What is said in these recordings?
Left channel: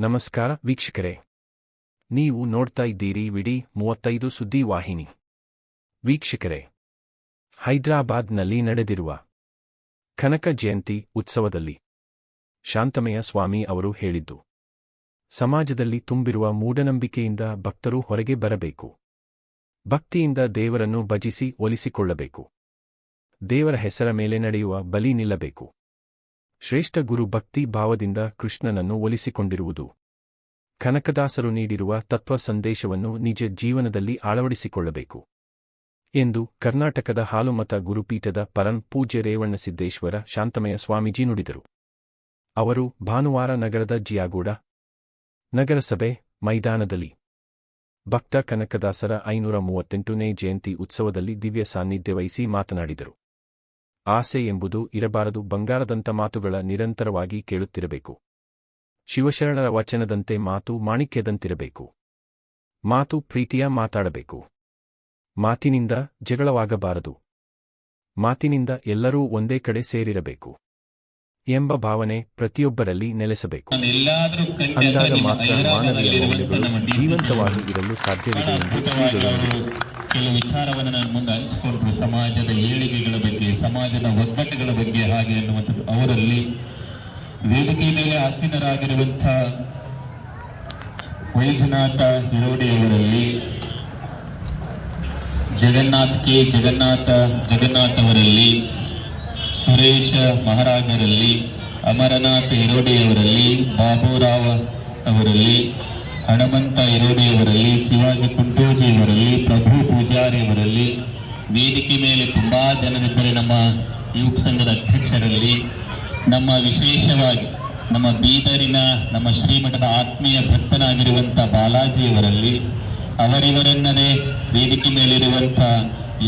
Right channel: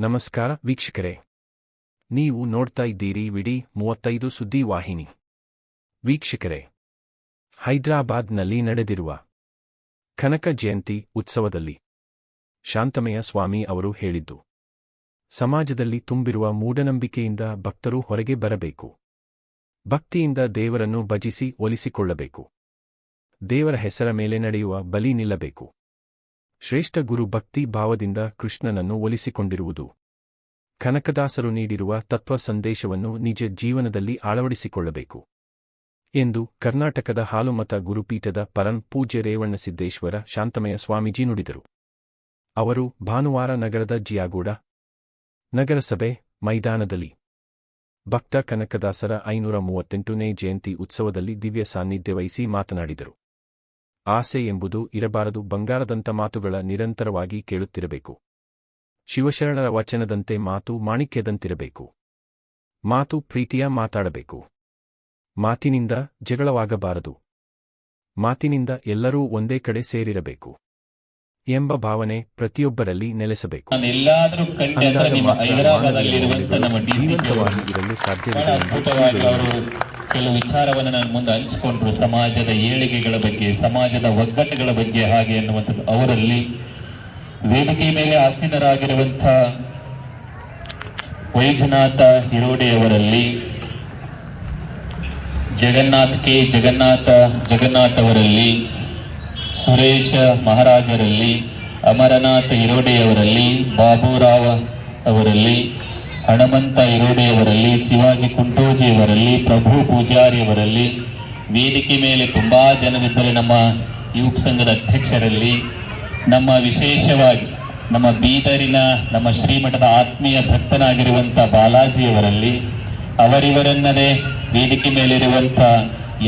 ನಮಸ್ಕಾರ ವೀಕ್ಷಕರೇ, ನೀವು ನೋಡ್ತಾ ಇದ್ದೀರಿ ವಿಡಿ 35 ಸುದ್ದಿ ವಾಹಿನಿ. ವೀಕ್ಷಕರೇ, ಹೈದರಾಬಾದ್ನಲ್ಲಿ ನಡೆದಿರುವ ಕನಕ ಜಯಂತಿ ಉತ್ಸವದಲ್ಲಿ ಶಾಂತಮಯ ಸ್ವಾಮಿ ಅವರು ಹೇಳಿದ್ದು, ಸಮಾಜದಲ್ಲಿ ತುಂಬಿರುವ ಮೂಢನಂಬಿಕೆಯಿಂದ ಭಕ್ತರು ಹೊರಗೆ ಬರಬೇಕು. ಭಕ್ತಿಯಿಂದ ದೇವರನ್ನು ಭಜಿಸಿ ಒಲಿಸಿಕೊಳ್ಳಬೇಕು. ದೇವರ ಹೆಸರ ಮೇಲೆ ನಡೆಯುವ ಬಲಿ ನಿಲ್ಲಬೇಕು. ಶ್ರೇಷ್ಠ ಗುರು ಭಕ್ತಿ ಭಾವದಿಂದ ಕೃಷ್ಣನನ್ನು ಒಲಿಸಿಕೊಂಡಿರುವುದು. ಕನಕದಾಸರು ನೀಡಿರುವ ತತ್ವ ಸಂದೇಶವನ್ನು ನಿಜ ಜೀವನದಲ್ಲಿ ಅಳವಡಿಸಿಕೊಳ್ಳಬೇಕು ಎಂದು ಕರ್ನಾಟಕದ ಹಾಲುಮತ ಗುರುಪೀಠದ ಪರಂ ಪೂಜ್ಯ ರೇವಣ್ಣಸಿದ್ದೇಶ್ವರ ಶಾಂತಮಯ ಸ್ವಾಮೀಜಿ ನುಡಿದರು. ಅವರು ಭಾನುವಾರ ನಗರದ ಜಿಯಾಗೂಡ ನಗರಸಭೆ ಮೈದಾನದಲ್ಲಿ ಭಕ್ತ ಕನಕದಾಸರ 538ನೇ ಜಯಂತಿ ಉತ್ಸವದಲ್ಲಿ ದಿವ್ಯ ಸಾನ್ನಿಧ್ಯ ವಹಿಸಿ ಮಾತನಾಡಿದರು. ಆಸೆ ಎಂಬುದು ಇರಬಾರದು. ಬಂಗಾರದಂಥ ಮಾತುಗಳ ನಿರಂತರವಾಗಿ ಕೇಳುತ್ತಿರಬೇಕು. ಶಿವಶರಣರ ವಚನದಂತೆ ಮಾತು ಮಾಣಿಕ್ಯದಂತಿರಬೇಕು. ಮಾತು ಪ್ರೀತಿಯ ಮಾತಾಡಬೇಕು. ಮಾತಿನಿಂದ ಜಗಳವಾಗಬಾರದು. ಮಾತಿನಿಂದ ಎಲ್ಲರೂ ಒಂದೇ ಕಡೆ ಸೇರಿರಬೇಕು ಎಂಬ ಭಾವನೆ ಪ್ರತಿಯೊಬ್ಬರಲ್ಲಿ ನೆಲೆಸಬೇಕು. ಅಂದಾಗ ಮಾತ್ರ ಮಾನವೀಯ ಮೌಲ್ಯಗಳು ಜೀವಂತವಾಗಿ ಇರಲು ಸಾಧ್ಯವಿದೆ ಎಂದು ಶ್ರೀಗಳು ಕೆಲವು ವಿಚಾರವನ್ನು ನಾನು ಮುಂದೆ ಹಂಚಿಕೊಂಡ್ರು. ಸಮಾಜದ ಏಳಿಗೆಗಳ ಬಗ್ಗೆ, ಸಮಾಜದ ಒಗ್ಗಟ್ಟುಗಳ ಬಗ್ಗೆ ಹಾಗೆ ಎನ್ನುವಂಥದ್ದು. ಅವರಲ್ಲಿ ವೇದಿಕೆ ಮೇಲೆ ಆಸೀನರಾಗಿರುವಂಥ ವೈಜನಾಥ ಹಿರೋಡೆಯವರಲ್ಲಿ, ಜಗನ್ನಾಥ್ ಅವರಲ್ಲಿ, ಸುರೇಶ ಮಹಾರಾಜರಲ್ಲಿ, ಅಮರನಾಥ ಹಿರೋಡೆಯವರಲ್ಲಿ, ಬಾಬುರಾವ್ ಅವರಲ್ಲಿ, ಹಣಮಂತ ಹಿರೋಡೆಯವರಲ್ಲಿ, ಶಿವಾಜಿ ಕುಂಟೋಜಿಯವರಲ್ಲಿ, ಪ್ರಭು ಪೂಜಾರಿಯವರಲ್ಲಿ, ವೇದಿಕೆ ಮೇಲೆ ತುಂಬಾ ಜನರಿದ್ದರೆ ನಮ್ಮ ಯುವಕ ಸಂಘದ ಅಧ್ಯಕ್ಷರಲ್ಲಿ, ನಮ್ಮ ವಿಶೇಷವಾಗಿ ನಮ್ಮ ಬೀದರಿನ ನಮ್ಮ ಶ್ರೀಮಠದ ಆತ್ಮೀಯ ಭಕ್ತನಾಗಿರುವಂಥ ಬಾಲಾಜಿಯವರಲ್ಲಿ, ಅವರಿವರನ್ನದೇ ವೇದಿಕೆ ಮೇಲಿರುವಂಥ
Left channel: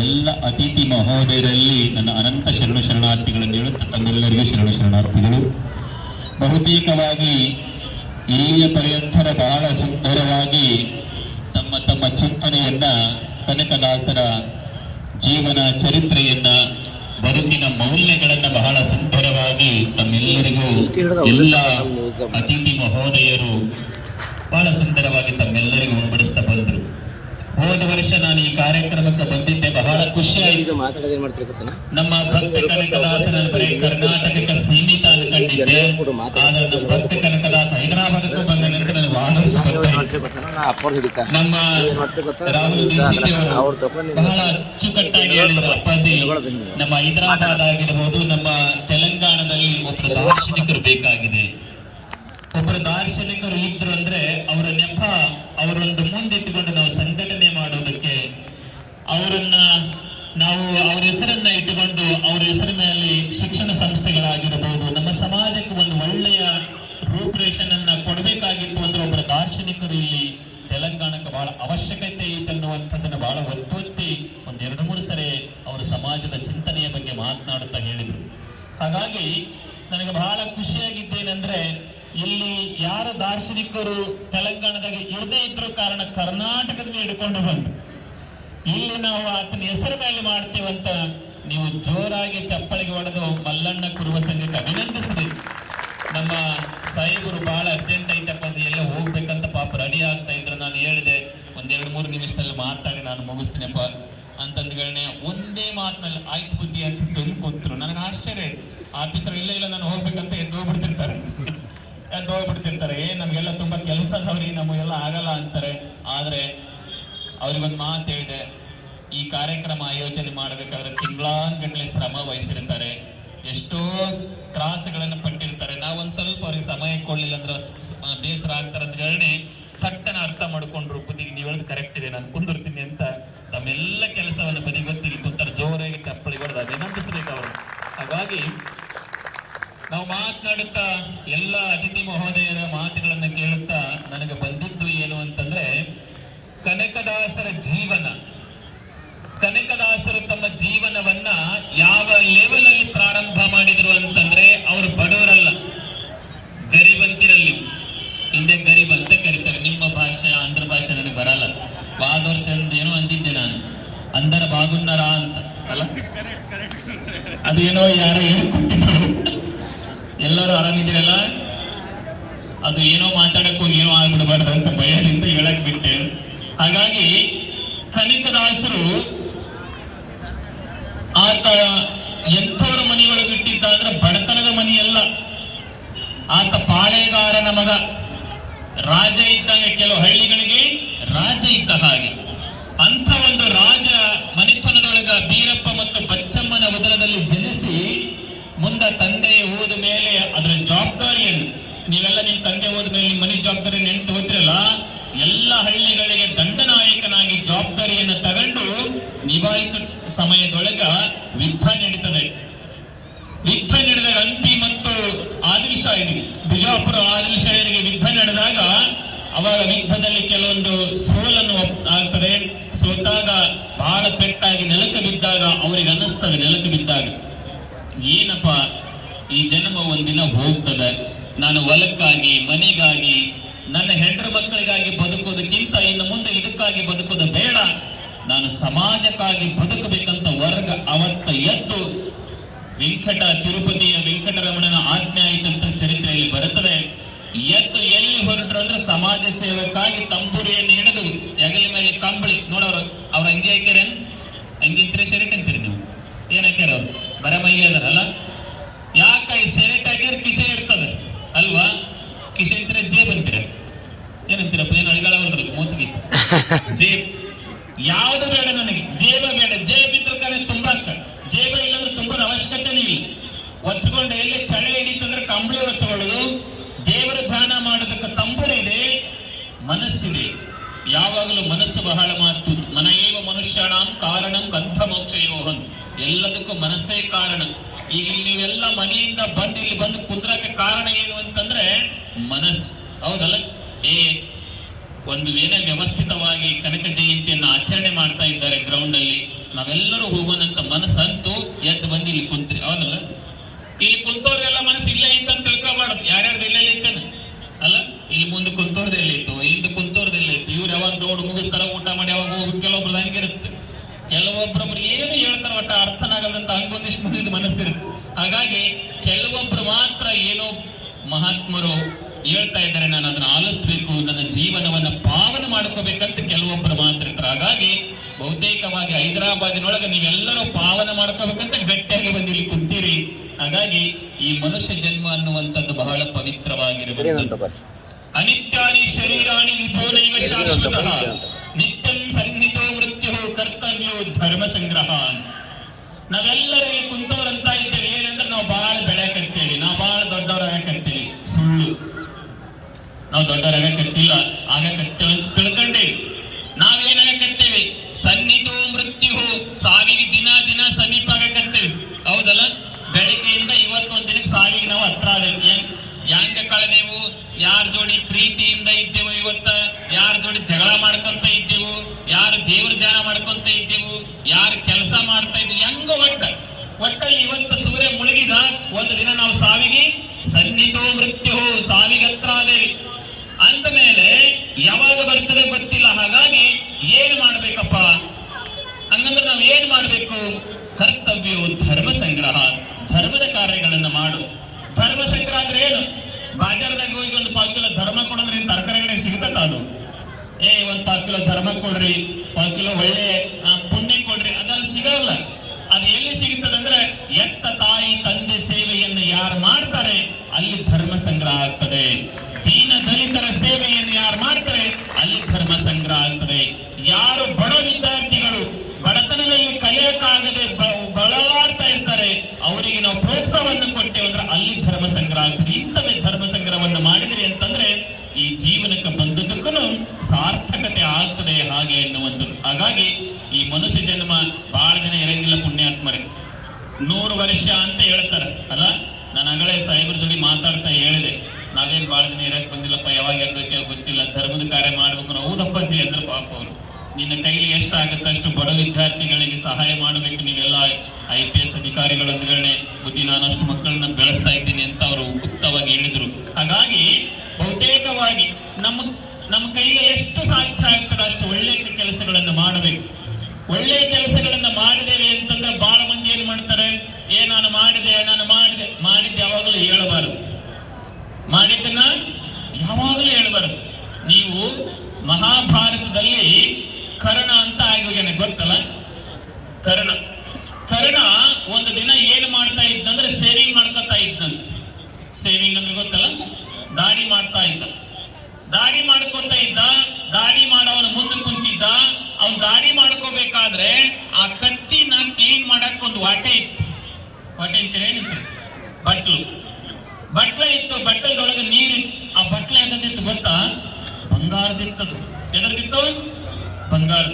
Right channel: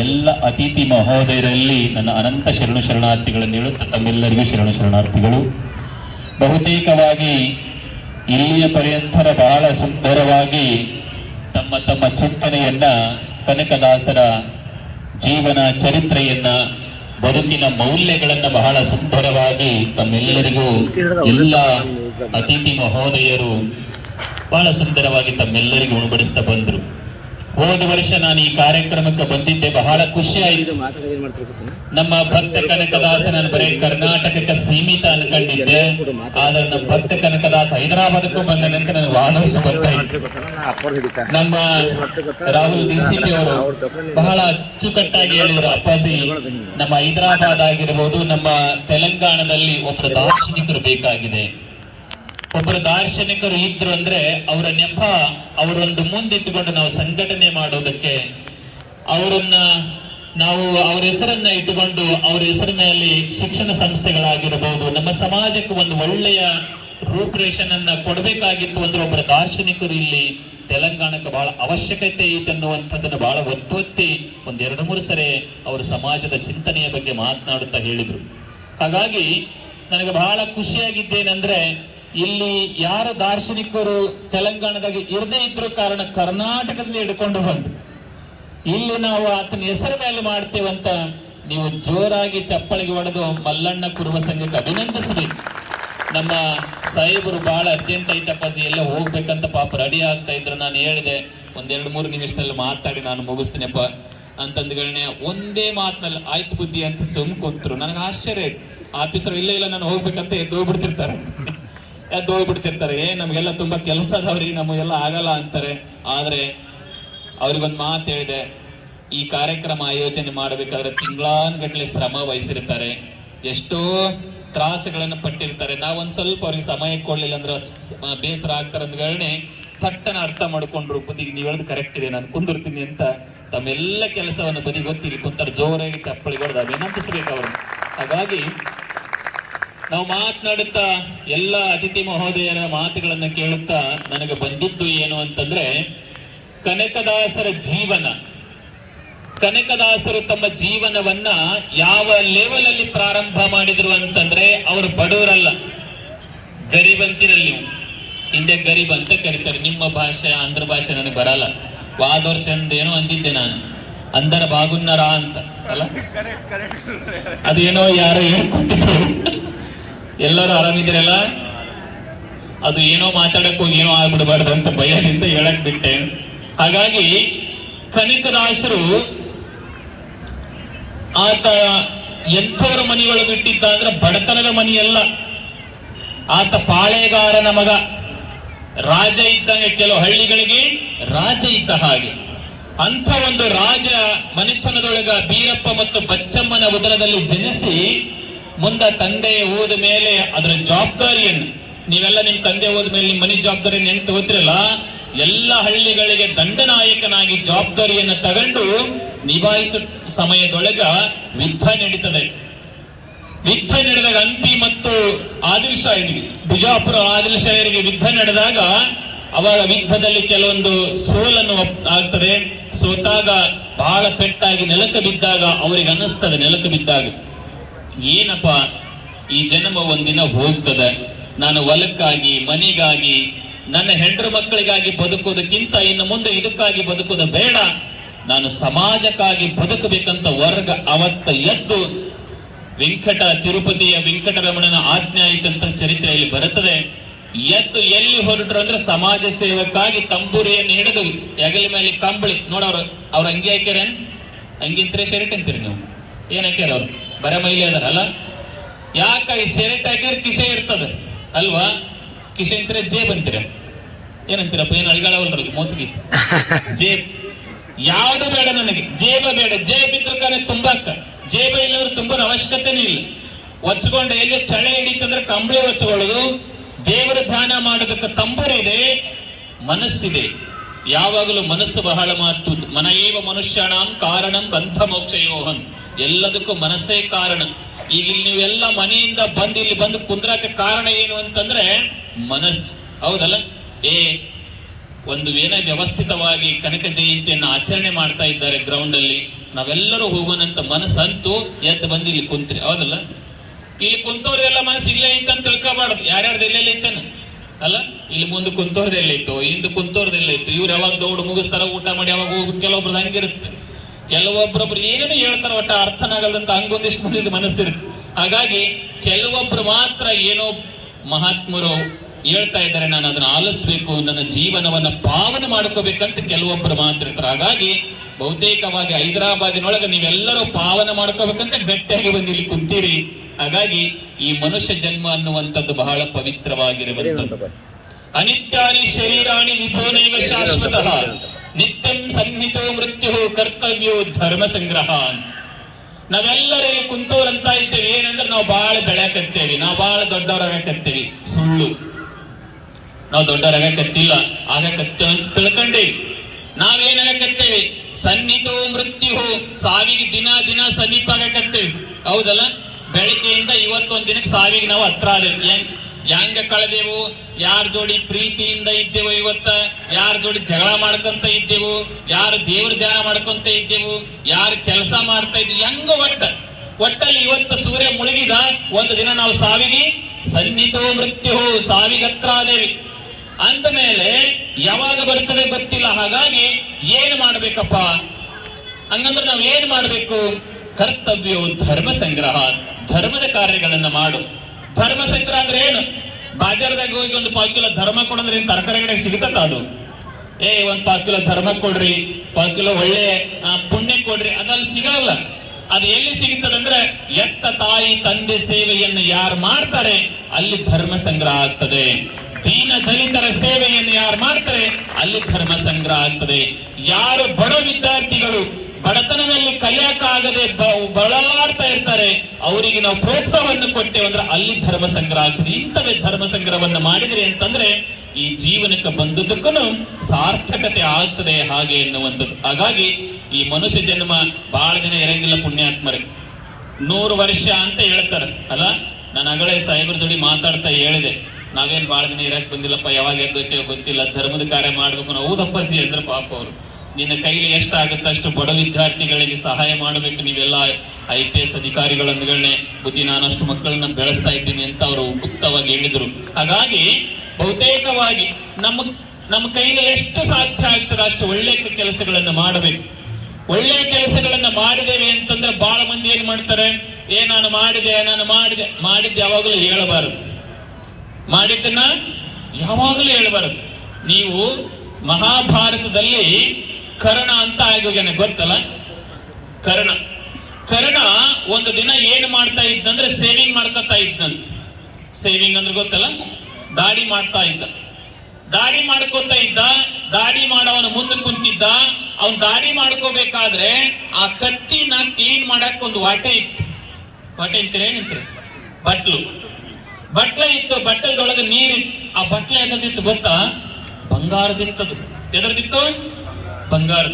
ಎಲ್ಲ ಅತಿಥಿ ಮಹೋದಯರಲ್ಲಿ ನನ್ನ ಅನಂತ ಶರಣಾರ್ಥಿಗಳನ್ನು ಹೇಳುತ್ತಾ ತಮ್ಮೆಲ್ಲರಿಗೂ ಶರಣಾರ್ಥಿಗಳು. ಬಹುತೇಕವಾಗಿ ಇಲ್ಲಿಯ ಪರ್ಯಂತರ ಬಹಳ ಸುಂದರವಾಗಿ ತಮ್ಮ ಚಿಂತನೆಯನ್ನ, ಕನಕದಾಸರ ಜೀವನ ಚರಿತ್ರೆಯನ್ನ, ಬದುಕಿನ ಮೌಲ್ಯಗಳನ್ನ ಬಹಳ ಸುಂದರವಾಗಿ ತಮ್ಮೆಲ್ಲರಿಗೂ ಎಲ್ಲ ಅತಿಥಿ ಮಹೋದಯರು ಬಹಳ ಸುಂದರವಾಗಿ ತಮ್ಮೆಲ್ಲರಿಗೂ ಉಣಬಡಿಸ್ತಾ ಬಂದ್ರು. ಹೋದ ವರ್ಷ ನಾನು ಈ ಕಾರ್ಯಕ್ರಮಕ್ಕೆ ಬಂದಿದ್ದೆ, ಬಹಳ ಖುಷಿಯಾಯಿತು. ನಮ್ಮ ಭಕ್ತ ಕನಕದಾಸನ ಬರೀ ಕರ್ನಾಟಕಕ್ಕೆ ಸೀಮಿತ ಅನ್ಕೊಂಡಿದ್ದೆ. ಆದ್ರೆ ನಮ್ಮ ಭಕ್ತ ಕನಕದಾಸ ಹೈದರಾಬಾದಕ್ಕೂ ಬಂದ ನಂತರ ನನಗೆ ನಮ್ಮ ರಾಹುಲ್ ದೇಶಿ ಅವರು ಬಹಳ ಅಚ್ಚುಕಟ್ಟಾಗಿ ಹೇಳಿದ್ರು, ಅಪ್ಪಾಜಿ ನಮ್ಮ ಹೈದರಾಬಾದ್ ಆಗಿರ್ಬೋದು, ನಮ್ಮ ತೆಲಂಗಾಣದಲ್ಲಿ ಒಬ್ಬರು ದಾರ್ಶನಿಕರು ಬೇಕಾಗಿದೆ. ಒಬ್ಬರು ದಾರ್ಶನಿಕರು ಇದ್ರು ಅಂದ್ರೆ ಅವರ ನೆಪ ಅವರೊಂದು ಮುಂದಿಟ್ಟುಕೊಂಡು ನಾವು ಸಂಘಟನೆ ಮಾಡೋದಕ್ಕೆ, ಅವರನ್ನ ನಾವು ಅವರ ಹೆಸರನ್ನ ಇಟ್ಟುಕೊಂಡು ಅವರ ಹೆಸರಿನಲ್ಲಿ ಶಿಕ್ಷಣ ಸಂಸ್ಥೆಗಳಾಗಿರಬಹುದು, ನಮ್ಮ ಸಮಾಜಕ್ಕೆ ಒಂದು ಒಳ್ಳೆಯ ರೂಪರೇಷನನ್ನ ಕೊಡಬೇಕಾಗಿತ್ತು ಅಂದ್ರೆ ಒಬ್ಬರ ದಾರ್ಶನಿಕರು ಇಲ್ಲಿ ತೆಲಂಗಾಣಕ್ಕೆ ಬಹಳ ಅವಶ್ಯಕತೆ ಐತೆ ಅನ್ನುವಂಥದ್ದನ್ನು ಬಹಳ ಒತ್ತೊತ್ತಿ 2-3 ಸರಿ ಅವರು ಸಮಾಜದ ಚಿಂತನೆಯ ಬಗ್ಗೆ ಮಾತನಾಡುತ್ತಾ ಹೇಳಿದ್ರು. ಹಾಗಾಗಿ ನನಗೆ ಬಹಳ ಖುಷಿಯಾಗಿದ್ದೇನೆಂದ್ರೆ, ಇಲ್ಲಿ ಯಾರು ದಾರ್ಶನಿಕರು ತೆಲಂಗಾಣದಾಗ ಇರದೇ ಇದ್ರು ಕಾರಣ ಕರ್ನಾಟಕದಲ್ಲಿ ಹಿಡ್ಕೊಂಡು ಬಂದ್ರು. ಇಲ್ಲಿ ನಾವು ಆತನ ಹೆಸರ ಮೇಲೆ ಮಾಡ್ತೇವಂತ ನೀವು ಜೋರಾಗಿ ಚಪ್ಪಳಿಗೆ ಹೊಡೆದು ಮಲ್ಲಣ್ಣ ಕುರುಬ ಸಂಘಕ್ಕೆ ಅಭಿನಂದಿಸಬೇಕು. ನಮ್ಮ ಸಾಹೇಬರು ಬಹಳ ಅರ್ಜೆಂಟ್ ಐತಪ್ಪಾಜಿ ಎಲ್ಲ ಹೋಗ್ಬೇಕಂತ ಪಾಪ ರೆಡಿ ಆಗ್ತಾ ಇದ್ರು. ನಾನು ಹೇಳಿದೆ 1-2-3 ನಿಮಿಷದಲ್ಲಿ ಮಾತಾಡಿ ನಾನು ಮುಗಿಸ್ತೀನಪ್ಪ ಅಂತಂದ್ಗಳನ್ನೇ ಒಂದೇ ಮಾತಿನಲ್ಲಿ ಆಯ್ತು ಬುದ್ಧಿ ಅಂತ ಸುಮ್ಕೊಂತ್ರು. ನನಗೆ ಆಶ್ಚರ್ಯ. ಆಫೀಸರ್ ಇಲ್ಲ ನಾನು ಹೋಗ್ಬೇಕಂತ ಎದ್ದೋಗ್ಬಿಡ್ತಿರ್ತಾರೆ. ನಮ್ಗೆಲ್ಲ ತುಂಬಾ ಕೆಲಸ ಅದವ್ರಿಗೆ, ನಮಗೆಲ್ಲ ಆಗಲ್ಲ ಅಂತಾರೆ. ಆದ್ರೆ ಅವ್ರಿಗೊಂದು ಮಾತು ಹೇಳಿದೆ, ಈ ಕಾರ್ಯಕ್ರಮ ಆಯೋಜನೆ ಮಾಡಬೇಕಾದ್ರೆ ತಿಂಗಳಾನ್ಗಟ್ಲೆ ಶ್ರಮ ವಹಿಸಿರ್ತಾರೆ, ಎಷ್ಟೋ ತ್ರಾಸಗಳನ್ನು ಪಟ್ಟಿರ್ತಾರೆ. ನಾವೊಂದ್ ಸ್ವಲ್ಪ ಅವ್ರಿಗೆ ಸಮಯ ಕೊಡ್ಲಿಲ್ಲ ಅಂದ್ರೆ ಬೇಸರ ಆಗ್ತಾರೆ ಅಂದ್ಗಳನ್ನೇ ಪಟ್ಟನ ಅರ್ಥ ಮಾಡ್ಕೊಂಡ್ರು. ಬುದ್ಧಿಗೆ ನೀವು ಹೇಳೋದು ಕರೆಕ್ಟ್ ಇದೆ, ನಾನು ಕುಂದಿರ್ತೀನಿ ಅಂತ ತಮ್ಮೆಲ್ಲ ಕೆಲಸವನ್ನು ಬದಿ ಗೊತ್ತಿಗೆ ಕುಂತಾರೆ ಜೋರಾಗಿ ಚಪ್ಪಳಿಗೆ ಹೊಡೆದು ಅಭಿನಂದಿಸಬೇಕಾದ್ರು. ಹಾಗಾಗಿ ನಾವು ಮಾತನಾಡುತ್ತಾ ಎಲ್ಲ ಅತಿಥಿ ಮಹೋದಯರ ಮಾತುಗಳನ್ನ ಕೇಳುತ್ತಾ ನನಗೆ ಬಂದಿದ್ದು ಏನು ಅಂತಂದ್ರೆ, ಕನಕದಾಸರ ಜೀವನ. ಕನಕದಾಸರು ತಮ್ಮ ಜೀವನವನ್ನ ಯಾವ ಲೆವೆಲ್ ಅಲ್ಲಿ ಪ್ರಾರಂಭ ಮಾಡಿದ್ರು ಅಂತಂದ್ರೆ, ಅವರು ಬಡವರಲ್ಲ, ಗರೀಬಂತಿರಲ್ಲಿ. ಹಿಂದೆ ಗರೀಬ್ ಅಂತ ಕರೀತಾರೆ. ನಿಮ್ಮ ಭಾಷೆ ಆಂಧ್ರ ಭಾಷೆ ನನಗೆ ಬರಲ್ಲ. ವಾದ ವರ್ಷ ಏನೋ ಅಂದಿದ್ದೆ ನಾನು, ಅಂದರ ಬಾಗುನ್ನರ ಅಂತ ಅಲ್ಲ, ಅದೇನೋ ಯಾರೋ ಹೇಳ್ಕೊಟ್ಟಿದ್ರು. ಎಲ್ಲರೂ ಆರಾಮಿದ್ದೀರಲ್ಲ? ಅದು ಏನೋ ಮಾತಾಡಕ್ ಹೋಗಿ ಏನೋ ಆಗ್ಬಿಡಬಾರ್ದು ಅಂತ ಭಯದಿಂದ ಹೇಳಕ್ ಬಿಟ್ಟೆ. ಹಾಗಾಗಿ ಕನಕದಾಸರು ಆತ ಎಂಥವರ ಮನೆಗಳು ಬಿಟ್ಟಿದ್ದ ಅಂದ್ರೆ ಬಡತನದ ಮನೆಯಲ್ಲ, ಆತ ಪಾಳೆಗಾರನ ಮಗ. ರಾಜ ಇದ್ದಂಗೆ ಕೆಲವು ಹಳ್ಳಿಗಳಿಗೆ ರಾಜ ಇದ್ದ ಹಾಗೆ. ಅಂಥ ಒಂದು ರಾಜ ಮನೆತನದೊಳಗ ಬೀರಪ್ಪ ಮತ್ತು ಬಚ್ಚಮ್ಮನ ಉದರದಲ್ಲಿ ಜನಿಸಿ ಮುಂದ ತಂದೆ ಹೋದ ಮೇಲೆ ಅದರ ಜವಾಬ್ದಾರಿಯನ್ನು, ನೀವೆಲ್ಲ ನಿಮ್ ತಂದೆ ಹೋದ ಮೇಲೆ ನಿಮ್ ಮನೆ ಜವಾಬ್ದಾರಿ ನೆನ್ತು ತಗೋತಿರಲ್ಲ, ಎಲ್ಲ ಹಳ್ಳಿಗಳಿಗೆ ದಂಡನಾಯಕನಾಗಿ ಜವಾಬ್ದಾರಿಯನ್ನು ತಗೊಂಡು ನಿಭಾಯಿಸುವ ಸಮಯದೊಳಗ ಯುದ್ಧ ನಡೀತದೆ. ಯುದ್ಧ ನಡೆದಾಗ ಹಂಪಿ ಮತ್ತು ಆದಿಲ್ ಶಾಹರಿಗೆ, ಬಿಜಾಪುರ ಆದಿಲ್ ಶಾಹರಿಗೆ ಯುದ್ಧ ನಡೆದಾಗ ಅವಾಗ ಯುದ್ಧದಲ್ಲಿ ಕೆಲವೊಂದು ಸೋಲನ್ನು ಆಗ್ತದೆ. ಸೋತಾಗ ಬಹಳ ಪೆಟ್ಟಾಗಿ ನೆಲಕ್ಕೆ ಬಿದ್ದಾಗ ಅವರಿಗೆ ಅನ್ನಿಸ್ತದೆ, ನೆಲಕ್ಕೆ ಬಿದ್ದಾಗ ಏನಪ್ಪ ಈ ಜನ್ಮ ಒಂದಿನ ಹೋಗ್ತದೆ, ನಾನು ಹೊಲಕ್ಕಾಗಿ ಮನೆಗಾಗಿ ನನ್ನ ಹೆಂಡರು ಮಕ್ಕಳಿಗಾಗಿ ಬದುಕೋದಕ್ಕಿಂತ ಇನ್ನು ಮುಂದೆ ಇದಕ್ಕಾಗಿ ಬದುಕೋದು ಬೇಡ, ನಾನು ಸಮಾಜಕ್ಕಾಗಿ ಬದುಕಬೇಕಂತ ವರ್ಗ ಅವತ್ತ ಎದ್ದು ತಿರುಪತಿಯ ವೆಂಕಟರಮಣನ ಆಜ್ಞೆ ಆಯ್ತಂತ ಚರಿತ್ರೆಯಲ್ಲಿ ಬರುತ್ತದೆ. ಎದ್ದು ಎಲ್ಲಿ ಹೊರಟರು ಅಂದ್ರೆ ಸಮಾಜ ಸೇವಕ್ಕಾಗಿ ತಂಬೂರಿಯನ್ನು ಹಿಡಿದು ಹೆಗಲ ಮೇಲೆ ಕಂಬಳಿ ನೋಡವ್ರು. ಅವ್ರ ಅಂಗಿ ಹಾಕ್ಯಾರ, ಅಂಗಿಂತ್ರೆ ಶರ್ಟ್ ಅಂತೀರಿ ನೀವು, ಏನ್ ಹಾಕ್ಯಾರ ಅವ್ರು? ಬರ ಮೈಲಿ ಅಲ್ಲ, ಯಾಕ ಈ ಶರ್ಟ್ ಹಾಕ್ಯಾರ ಕಿಸೆ ಇರ್ತದ ಅಲ್ವಾ, ಕಿಸೆ ಅಂತೀರ ಜೇಬ್ ಅಂತೀರ, ಏನಂತೀರಪ್ಪ, ಏನ್ ಅಳಿಗಳವಲ್ರಿ ಮೂತಿಗೆ ಜೇಬ್. ಯಾವ್ದು ಬೇಡ ನನಗೆ, ಜೇಬ ಬೇಡ. ಜೇಬ್ ಇದ್ರ ಕಾಲ ತುಂಬಾಕ, ಜೇಬ ಇಲ್ಲಂದ್ರೆ ತುಂಬಾ ಅವಶ್ಯಕತೆನೇ ಇಲ್ಲ. ಒಚ್ಕೊಂಡು ಎಲ್ಲಿ ಚಳಿ ಹಿಡಿತಂದ್ರೆ ಕಂಬಳಿ ಒಚ್ಕೊಳ್ಳೋದು, ದೇವರ ಧ್ಯಾನ ಮಾಡೋದಕ್ಕೆ ತಂಬೂರಿದೆ, ಮನಸ್ಸಿದೆ. ಯಾವಾಗಲೂ ಮನಸ್ಸು ಬಹಳ ಮಾತು. ಮನಯೇವ ಮನುಷ್ಯನಾಂ ಕಾರಣಂ ಬಂಧ ಮೋಕ್ಷಯೋಹಂ, ಎಲ್ಲದಕ್ಕೂ ಮನಸ್ಸೇ ಕಾರಣ. ಈಗ ಇಲ್ಲಿ ನೀವೆಲ್ಲ ಮನೆಯಿಂದ ಬಂದು ಇಲ್ಲಿ ಬಂದು ಕುಂದ್ರಕ್ಕೆ ಕಾರಣ ಏನು ಅಂತಂದ್ರೆ ಮನಸ್ಸು, ಹೌದಲ್ಲ? ಒಂದು ಏನ ವ್ಯವಸ್ಥಿತವಾಗಿ ಕನಕ ಜಯಂತಿಯನ್ನು ಆಚರಣೆ ಮಾಡ್ತಾ ಇದ್ದಾರೆ ಗ್ರೌಂಡ್ ಅಲ್ಲಿ, ನಾವೆಲ್ಲರೂ ಹೋಗೋಣಂತ ಮನಸ್ಸಂತೂ ಎದ್ದು ಬಂದು ಇಲ್ಲಿ ಕುಂತ್ರಿ, ಹೌದಲ್ಲ? ಇಲ್ಲಿ ಕುಂತವ್ರೆಲ್ಲ ಮನಸ್ಸು ಇಲ್ಲೇ ಅಂತ ತಿಳ್ಕೊಬಾರ್ದು. ಯಾರ್ಯಾರ್ದು ಎಲ್ಲೆಲ್ಲ ಇತ್ತೇನು ಅಲ್ಲ, ಇಲ್ಲಿ ಮುಂದೆ ಕುಂತವ್ರದೆಲ್ಲ ಇತ್ತು, ಹಿಂದೆ ಕುಂತವ್ರದೆಲ್ಲ ಇತ್ತು. ಇವ್ರು ಯಾವಾಗ ದೌಡ್ ಮುಗಿಸ್ತಾರ, ಊಟ ಮಾಡಿ ಯಾವಾಗ ಹೋಗಿ, ಕೆಲವೊಬ್ರದ್ದು ಹಂಗಿರುತ್ತೆ, ಕೆಲವೊಬ್ರೊಬ್ರು ಏನೇನು ಹೇಳ್ತಾರ ಒಟ್ಟ ಅರ್ಥನಾಗಲ್ಲಂತ ಹಂಗೊಂದಿಷ್ಟು ಮಂದಿ ಮನಸ್ಸಿರುತ್ತೆ. ಹಾಗಾಗಿ ಕೆಲವೊಬ್ರು ಮಾತ್ರ ಏನೋ ಮಹಾತ್ಮರು ಹೇಳ್ತಾ ಇದ್ದಾರೆ, ನಾನು ಅದನ್ನ ಆಲಿಸ್ಬೇಕು, ನನ್ನ ಜೀವನವನ್ನ ಪಾವನ ಮಾಡ್ಕೋಬೇಕಂತ ಕೆಲವೊಬ್ರು ಮಾತ್ರ ಇರ್ತಾರೆ. ಹಾಗಾಗಿ ಬಹುತೇಕವಾಗಿ ಹೈದರಾಬಾದಿನೊಳಗೆ ನೀವೆಲ್ಲರೂ ಪಾವನ ಮಾಡ್ಕೋಬೇಕಂತ ಗಟ್ಟಿಯಾಗಿ ಬಂದು ಇಲ್ಲಿ ಕುಂತೀರಿ. ಹಾಗಾಗಿ ಈ ಮನುಷ್ಯ ಜನ್ಮ ಅನ್ನುವಂಥದ್ದು ಬಹಳ ಪವಿತ್ರವಾಗಿರಬೇಕು. ಅನಿತ್ಯಾನಿ ಶರೀರಾಣಿ ವಿಭೋನೇವ ಶಾಶ್ವತಃ ನಿತ್ಯಂ ಸನ್ನಿತೋ ಮೃತ್ಯು ಕರ್ತವ್ಯೋ ಧರ್ಮ ಸಂಗ್ರಹ. ನಾವೆಲ್ಲರೂ ಕುಂತವ್ರಂತ ಇದ್ದೇವೆ, ಏನಂದ್ರೆ ನಾವು ಬಹಳ ಬೆಳೆಯಕತ್ತೇವಿ, ನಾವು ಬಹಳ ದೊಡ್ಡವರಾಗಕತ್ತೇವಿ. ಸುಳ್ಳು, ನಾವು ದೊಡ್ಡವರಾಗಕತ್ತಿಲ್ಲ, ಆಗಕತ್ತೇವೆ ಅಂತ ತಿಳ್ಕೊಂಡೇವಿ. ನಾವೇನಾಗಕತ್ತೇವಿ? ಸನ್ನಿತೋ ಮೃತ್ಯು, ಸಾವಿಗೆ ದಿನ ದಿನ ಸಮೀಪ ಆಗಕತ್ತೇವಿ, ಹೌದಲ್ಲ? ಬೆಳಿಗ್ಗೆಯಿಂದ ಇವತ್ತೊಂದ್ ದಿನಕ್ಕೆ ಸಾವಿಗೆ ನಾವು ಹತ್ರ ಆದೇವು. ಹೆಂಗ ಕಳೆದೆವು? ಯಾರ ಜೋಡಿ ಪ್ರೀತಿಯಿಂದ ಇದ್ದೆವು, ಇವತ್ತ ಯಾರ ಜೋಡಿ ಜಗಳ ಮಾಡ್ಕೊಂತ ಇದ್ದೆವು, ಯಾರು ದೇವ್ರ ಧ್ಯಾನ ಮಾಡ್ಕೊಂತ ಇದ್ದೆವು, ಯಾರು ಕೆಲಸ ಮಾಡ್ತಾ ಇದ್ವಿ, ಹೆಂಗ ಒಟ್ಟಲ್ಲಿ ಇವತ್ತು ಸೂರ್ಯ ಮುಳುಗಿದ ಒಂದು ದಿನ ನಾವು ಸಾವಿಗೆ ಸನ್ನಿತೋ ಮೃತ್ಯು, ಸಾವಿಗೆ ಹತ್ರ ಆದೇವಿ. ಅಂದ ಮೇಲೆ ಯಾವಾಗ ಬರ್ತದೆ ಗೊತ್ತಿಲ್ಲ. ಹಾಗಾಗಿ ಏನ್ ಮಾಡ್ಬೇಕಪ್ಪ ಹಂಗಂದ್ರೆ ನಾವು ಏನ್ ಮಾಡ್ಬೇಕು? ಕರ್ತವ್ಯ ಧರ್ಮ ಸಂಗ್ರಹ, ಧರ್ಮದ ಕಾರ್ಯಗಳನ್ನ ಮಾಡು. ಧರ್ಮ ಸಂಗ್ರಹ ಅಂದ್ರೆ ಏನು? ಬಾಜಾರದಾಗ ಹೋಗಿ ಒಂದು 5 ಕಿಲೋ ಧರ್ಮ ಕೊಡಂದ್ರೆ ತರಕಾರಿ ಅಂಗಡಿಗೆ ಸಿಗುತ್ತ ಅದು? ಒಂದ್ 5 ಕಿಲೋ ಧರ್ಮ ಕೊಡ್ರಿ, 5 ಕಿಲೋ ಒಳ್ಳೆ ಪುಣ್ಯ ಕೊಡ್ರಿ, ಅದಲ್ಲಿ ಸಿಗಲ್ಲ. ಅದು ಎಲ್ಲಿ ಸಿಗುತ್ತದಂದ್ರೆ ಎತ್ತ ತಾಯಿ ತಂದೆ ಸೇವೆಯನ್ನು ಯಾರು ಮಾಡ್ತಾರೆ ಅಲ್ಲಿ ಧರ್ಮ ಸಂಗ್ರಹ ಆಗ್ತದೆ. ದೀನ ದಲಿತರ ಸೇವೆಯನ್ನು ಯಾರು ಮಾಡ್ತಾರೆ ಅಲ್ಲಿ ಧರ್ಮ ಸಂಗ್ರಹ ಆಗ್ತದೆ. ಯಾರು ಬಡ ವಿದ್ಯಾರ್ಥಿಗಳು ಬಡತನದಲ್ಲಿ ಕಲಿಯಕ್ಕಾಗದೆ ಬಳಲಾಡ್ತಾ ಇರ್ತಾರೆ, ಅವರಿಗೆ ನಾವು ಪ್ರೋತ್ಸಾಹವನ್ನು ಕೊಟ್ಟೇವೆ ಅಂದ್ರೆ ಅಲ್ಲಿ ಧರ್ಮ ಸಂಗ್ರಹ ಆಗ್ತದೆ. ಇಂಥವೇ ಧರ್ಮ ಸಂಗ್ರಹವನ್ನು ಮಾಡಿದ್ರಿ ಅಂತಂದ್ರೆ ಈ ಜೀವನಕ್ಕೆ ಬಂದದ್ದಕ್ಕೂ ಸಾರ್ಥಕತೆ ಆಗ್ತದೆ ಹಾಗೆ ಎನ್ನುವಂಥದ್ದು. ಹಾಗಾಗಿ ಈ ಮನುಷ್ಯ ಜನ್ಮ ಬಹಳ ಜನ ಇರಂಗಿಲ್ಲ ಪುಣ್ಯಾತ್ಮರಿಗೆ. 100 ವರ್ಷ ಅಂತ ಹೇಳ್ತಾರೆ ಅಲ್ಲ. ನಾನು ಅಗಳೇ ಸಾಹೇಬ್ರ ಜೋಡಿ ಮಾತಾಡ್ತಾ ಹೇಳಿದೆ, ನಾವೇನ್ ಬಹಳ ದಿನ ಇರಕ್ ಬಂದಿಲ್ಲಪ್ಪ, ಯಾವಾಗ ಎದ್ದಕ್ಕೆ ಗೊತ್ತಿಲ್ಲ, ಧರ್ಮದ ಕಾರ್ಯ ಮಾಡ್ಬೇಕು. ನಾವು ಹೌದಪ್ಪಸಿ ಅಂದ್ರೆ ಪಾಪ ಅವರು, ನಿನ್ನ ಕೈಲಿ ಎಷ್ಟಾಗುತ್ತೆ ಅಷ್ಟು ಬಡ ವಿದ್ಯಾರ್ಥಿಗಳಿಗೆ ಸಹಾಯ ಮಾಡಬೇಕು. ನೀವೆಲ್ಲ IPS ಅಧಿಕಾರಿಗಳೊಂದಿಗೆ ಬುದ್ಧಿ, ನಾನಷ್ಟು ಮಕ್ಕಳನ್ನ ಬೆಳೆಸ್ತಾ ಇದ್ದೀನಿ ಅಂತ ಅವರು ಗುಪ್ತವಾಗಿ ಹೇಳಿದ್ರು. ಹಾಗಾಗಿ ಬಹುತೇಕವಾಗಿ ನಮ್ಮ ಕೈಲಿ ಎಷ್ಟು ಸಾಧ್ಯ ಆಗ್ತದೆ ಅಷ್ಟು ಒಳ್ಳೆ ಕೆಲಸಗಳನ್ನು ಮಾಡಬೇಕು. ಒಳ್ಳೆ ಕೆಲಸಗಳನ್ನ ಮಾಡಿದ್ದೇವೆ ಅಂತಂದ್ರೆ ಬಹಳ ಮಂದಿ ಏನ್ ಮಾಡ್ತಾರೆ, ನಾನು ಮಾಡಿದ್ದೆ ಯಾವಾಗಲೂ ಹೇಳಬಾರದು. ಮಾಡಿದ್ದನ್ನ ಯಾವಾಗಲೂ ಹೇಳ್ಬಾರ್ದು. ನೀವು ಮಹಾಭಾರತದಲ್ಲಿ ಕರ್ಣ ಅಂತ ಆಗೋಗ್ಯಾನೆ, ಗೊತ್ತಲ್ಲ? ಕರ್ಣ ಒಂದು ದಿನ ಏನ್ ಮಾಡ್ತಾ ಇದ್ದಂದ್ರೆ ಸೇವಿಂಗ್ ಮಾಡ್ಕೊತಾ ಇದ್ದಂತೆ. ಸೇವಿಂಗ್ ಅಂದ್ರೆ ಗೊತ್ತಲ್ಲ, ದಾಡಿ ಮಾಡ್ತಾ ಇದ್ದ. ದಾಡಿ ಮಾಡ್ಕೋತಾ ಇದ್ದ. ದಾಡಿ ಮಾಡವನ ಮುಂದೆ ಕುಂತಿದ್ದ. ಅವನ್ ದಾಡಿ ಮಾಡ್ಕೋಬೇಕಾದ್ರೆ ಆ ಕತ್ತಿನ ಕ್ಲೀನ್ ಮಾಡಕ್ ಒಂದು ವಾಟೆ ಇತ್ತು. ವಾಟೆ ಇತ್ತೇನಿತ್ತು? ಬಟ್ಲ ಇತ್ತು. ಬಟ್ಟಲದೊಳಗೆ ನೀರಿತ್ತು. ಆ ಬಟ್ಲ ಎದರ್ದಿತ್ತು ಗೊತ್ತಾ? ಬಂಗಾರದಿತ್ತದು. ಎದರ್ದಿತ್ತು? ಬಂಗಾರ.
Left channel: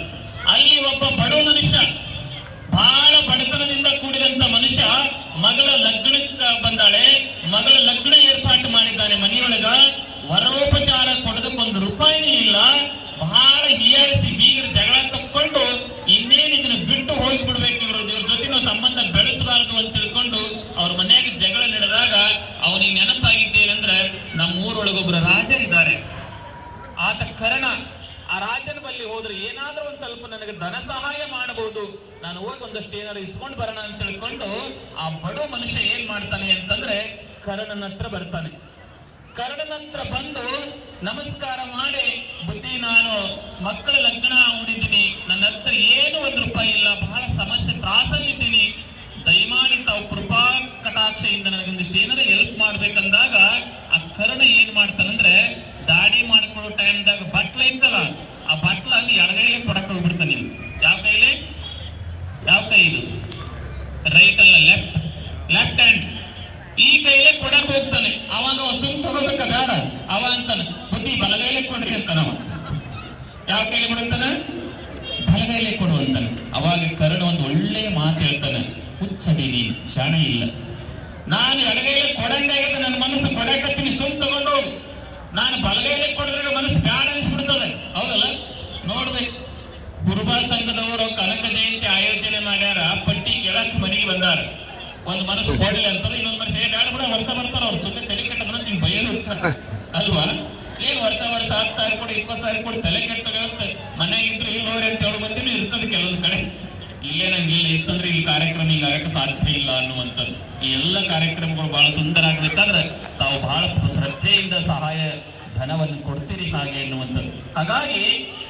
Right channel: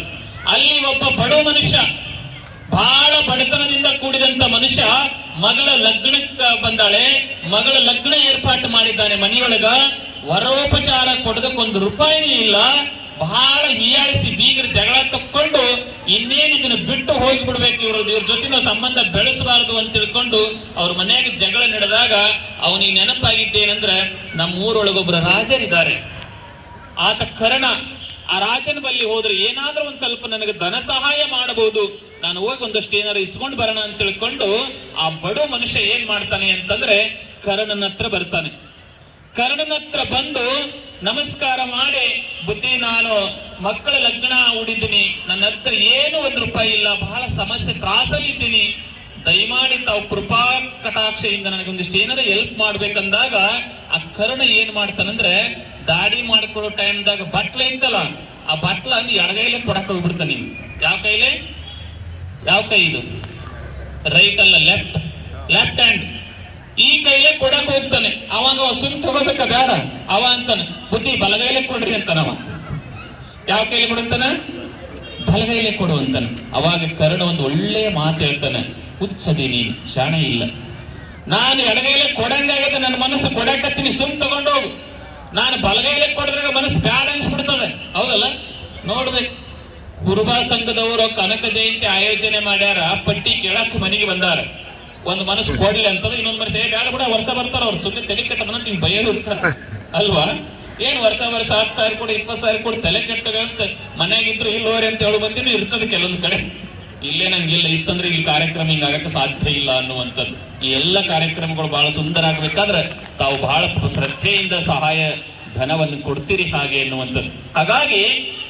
ಅಲ್ಲಿ ಒಬ್ಬ ಬಡ ಮನುಷ್ಯ, ಬಹಳ ಬಡತನದಿಂದ ಕೂಡಿದಂತ ಮನುಷ್ಯ, ಮಗಳ ಲಗ್ನಕ್ಕೆ ಬಂದಾಳೆ. ಮಗಳ ಲಗ್ನ ಏರ್ಪಾಟು ಮಾಡಿದ್ದಾನೆ ಮನೆಯೊಳಗ. ವರೋಪಚಾರ ಕೊಡೋದಕ್ಕೆ ₹1 ಇಲ್ಲ. ಬಹಳ ಹೀಯಾಳಿಸಿ ಬೀಗರ ಜಗಳ ತಕ್ಕೊಂಡು ಇನ್ನೇನು ಇದನ್ನ ಬಿಟ್ಟು ಹೋಗಿಬಿಡ್ಬೇಕು, ಇವ್ರ ಜೊತೆ ನಾವು ಸಂಬಂಧ ಬೆಳೆಸಬಾರದು ಅಂತ ತಿಳ್ಕೊಂಡು ಅವ್ರ ಮನೆಯಾಗ ಜಗಳ ನಡೆದಾಗ ಅವನಿಗೆ ನೆನಪಾಗಿದ್ದೇನೆಂದ್ರೆ ನಮ್ಮೂರೊಳಗೊಬ್ಬರ ರಾಜರಿದ್ದಾರೆ. ಆತ ಕರ್ಣ. ಆ ರಾಜನ ಬಳಿ ಹೋದ್ರೆ ಏನಾದ್ರೂ ಒಂದ್ ಸ್ವಲ್ಪ ನನಗೆ ಧನ ಸಹಾಯ ಮಾಡಬಹುದು, ನಾನು ಹೋಗಿ ಒಂದಷ್ಟು ಏನಾರು ಇಸ್ಕೊಂಡು ಬರೋಣ ಅಂತ ತಿಳ್ಕೊಂಡು ಆ ಬಡ ಮನುಷ್ಯ ಏನ್ ಮಾಡ್ತಾನೆ ಅಂತಂದ್ರೆ ಕರ್ಣನ ಹತ್ರ ಬರ್ತಾನೆ. ಕರ್ಣನ ಹತ್ರ ಬಂದು ನಮಸ್ಕಾರ ಮಾಡಿ, ಬುದ್ಧಿ, ನಾನು ಮಕ್ಕಳ ಲಗ್ನ ಉಡಿದ್ದೀನಿ, ನನ್ನ ಹತ್ರ ಏನು ₹1 ಇಲ್ಲ, ಬಹಳ ಸಮಸ್ಯೆ ತ್ರಾಸಲ್ಲಿದ್ದೀನಿ, ದಯಮಾಡಿ ತಾವು ಕೃಪಾ ಕಟಾಕ್ಷೆಯಿಂದ ನನಗೊಂದಿಷ್ಟು ಏನಾದ್ರು ಹೆಲ್ಪ್ ಮಾಡ್ಬೇಕಂದಾಗ ಆ ಕರ್ಣ ಏನ್ ಮಾಡ್ತಾನಂದ್ರೆ ದಾಡಿ ಮಾಡ್ಕೊಳ್ಳೋ ಟೈಮ್ದಾಗ ಬಟ್ಲ ಇತ್ತಲ್ಲ, ಆ ಬಟ್ಲ ಅಲ್ಲಿ ಎಡಗೈಲಿ ಕೊಡಕ್ ಹೋಗ್ಬಿಡ್ತಾನೆ. ಯಾವ ಕೈ ಇದು? ರೈಟ್ ಅಲ್ಲ, ಲೆಫ್ಟ್ ಹ್ಯಾಂಡ್. ಈ ಕೈಲೇ ಕೊಡಕ್ ಹೋಗ್ತಾನೆ. ಅವಾಗ ಸುಮ್ ತಗೋಬೇಕ ಬೇಡ, ಅವ ಅಂತಾನೆ ಬುದ್ಧಿ ಬಲಗೈಲೇ ಕೊಡ್ರಿ ಅಂತಾನವ. ಯಾವ ಕೈಲಿ ಕೊಡುತ್ತಾನ? ಬಲಗೈಲೇ ಕೊಡುವಂತಾನೆ. ಅವಾಗ ಕರ್ಣ ಒಂದು ಒಳ್ಳೆಯ ಮಾತು ಹೇಳ್ತಾನೆ, ಹುಚ್ಚದಿ ನೀನು, ಶಾಣ ಇಲ್ಲ. ನಾನು ಎಡಗೈಲೇ ಕೊಡಂಗಾಗದ, ನನ್ನ ಮನಸ್ಸು ಕೊಡಕತ್ತೀನಿ, ಸುಮ್ ತಗೊಂಡು ಹೋಗು. ನಾನು ಬಲಗೈಲೇ ಕೊಡದಾಗ ಮನಸ್ಸು ಬ್ಯಾಡ ಅನಿಸ್ಬಿಡ್ತದೆ, ಹೌದಲ್ಲ? ನೋಡ್ಬೇಕು. ಕುರುಬಾ ಸಂಘದವರು ಕನಕ ಜಯಂತಿ ಆಯೋಜನೆ ಮಾಡ್ಯಾರ. ಪಟ್ಟಿ ಕೇಳಕ್ ಮನೆಗೆ ಬಂದಾರ. ಒಂದು ಮನಸ್ಸು ಕೊಡ್ಲಿ ಅಂತಂದ್ರೆ ಇನ್ನೊಂದು ಮನಸ್ಸು ಬ್ಯಾಡ ಬಿಡ, ವರ್ಷ ಬರ್ತಾರ ಅವ್ರು, ಸುಮ್ಮನೆ ತಲೆ ಕೆಟ್ಟದನ್ನ ಹಿಂಗ್ ಬಯಲು ಇರ್ತಾರ ಅಲ್ವಾ? ಏನ್ ವರ್ಷ 10,000 ಕೊಡಿ, 20,000 ಕೊಡಿ, ತಲೆ ಕೆಟ್ಟಂತ ಮನೆಯಾಗಿದ್ರು ಇಲ್ಲೋರಿ ಅಂತ ಹೇಳೋ ಮಂದಿನೂ ಇರ್ತದೆ ಕೆಲವೊಂದ್ ಕಡೆ. ಇಲ್ಲೇ ನಂಗಿಲ್ಲ ಇತ್ತಂದ್ರೆ ಈ ಕಾರ್ಯಕ್ರಮ ಹಿಂಗ ಆಗಕ್ಕೆ ಸಾಧ್ಯ ಇಲ್ಲ ಅನ್ನುವಂಥದ್ದು. ಈ ಎಲ್ಲ ಕಾರ್ಯಕ್ರಮಗಳು ಬಹಳ ಸುಂದರ ಆಗ್ಬೇಕಾದ್ರೆ ತಾವು ಬಹಳ ಶ್ರದ್ಧೆಯಿಂದ ಸಹಾಯ ಧನವನ್ನು ಕೊಡ್ತೀರಿ ಹಾಗೆ ಎನ್ನುವಂಥದ್ದು. ಹಾಗಾಗಿ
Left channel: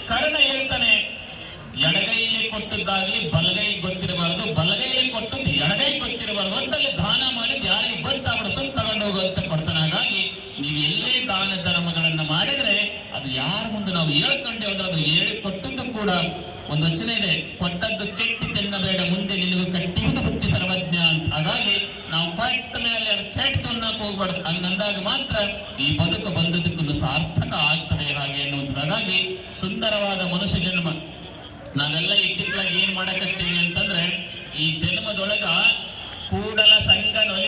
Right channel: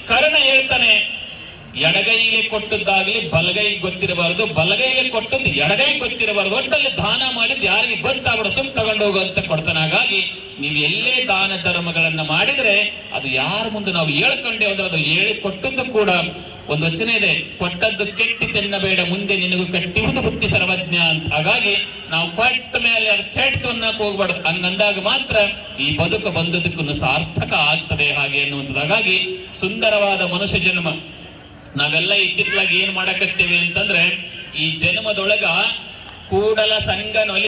ಕರ್ಣ ಹೇಳ್ತಾನೆ, ಎಡಗೈಲಿ ಕೊಟ್ಟದ್ದಾಗ್ಲಿ ಬಲಗೈ ಗೊತ್ತಿರಬಾರದು, ಬಲಗೈಲಿ ಕೊಟ್ಟದ್ದು ಎಡಗೈ ಗೊತ್ತಿರಬಾರದು, ಒಟ್ಟಲ್ಲಿ ದಾನ ಮಾಡಿದ್ ಯಾರಿಗೆ ಗೊತ್ತಾಗ್ಬಿಡ, ಸುಮ್ ತಗೊಂಡು ಹೋಗುವಂತ ಕೊಡ್ತಾನೆ. ಹಾಗಾಗಿ ನೀವು ಎಲ್ಲೇ ದಾನ ಧರ್ಮಗಳನ್ನ ಮಾಡಿದ್ರೆ ಅದು ಯಾರ ಮುಂದೆ ನಾವು ಹೇಳ್ಕೊಂಡೆ ಹೋದ್ರೆ ಅದು ಹೇಳಿ ಕೊಟ್ಟದ್ದು ಕೂಡ ಒಂದು ವಚನ ಇದೆ, ಕೊಟ್ಟದ್ದು ಕೆಟ್ಟಿ ತಿನ್ನಬೇಡ, ಮುಂದೆ ನಿನಗೂ ಕಟ್ಟಿಹುದು ಬುದ್ಧಿ ಸರ್ವಜ್ಞ ಅಂತ. ಹಾಗಾಗಿ ನಾವು ಕೊಟ್ಟ ಮೇಲೆ ಅದು ಕೆಟ್ಟು ಅನ್ನಕ್ ಹೋಗ್ಬಾರ್ದು. ಹಂಗಂದಾಗ ಮಾತ್ರ ಈ ಬದುಕು ಬಂದದಕ್ಕೂ ಸಾರ್ಥಕ ಆಗ್ತದೆ ಹಾಗೆ ಅನ್ನುವಂಥದ್ದು. ಹಾಗಾಗಿ ಸುಂದರವಾದ ಮನುಷ್ಯ ಜನ್ಮ ನಾವೆಲ್ಲ ಇತ್ತಿತ್ತಲಾಗಿ ಏನ್ ಮಾಡಕತ್ತೇವೆ ಅಂತಂದ್ರೆ, ಈ ಜನ್ಮದೊಳಗ ಕೂಡಲ ಸಂಗನ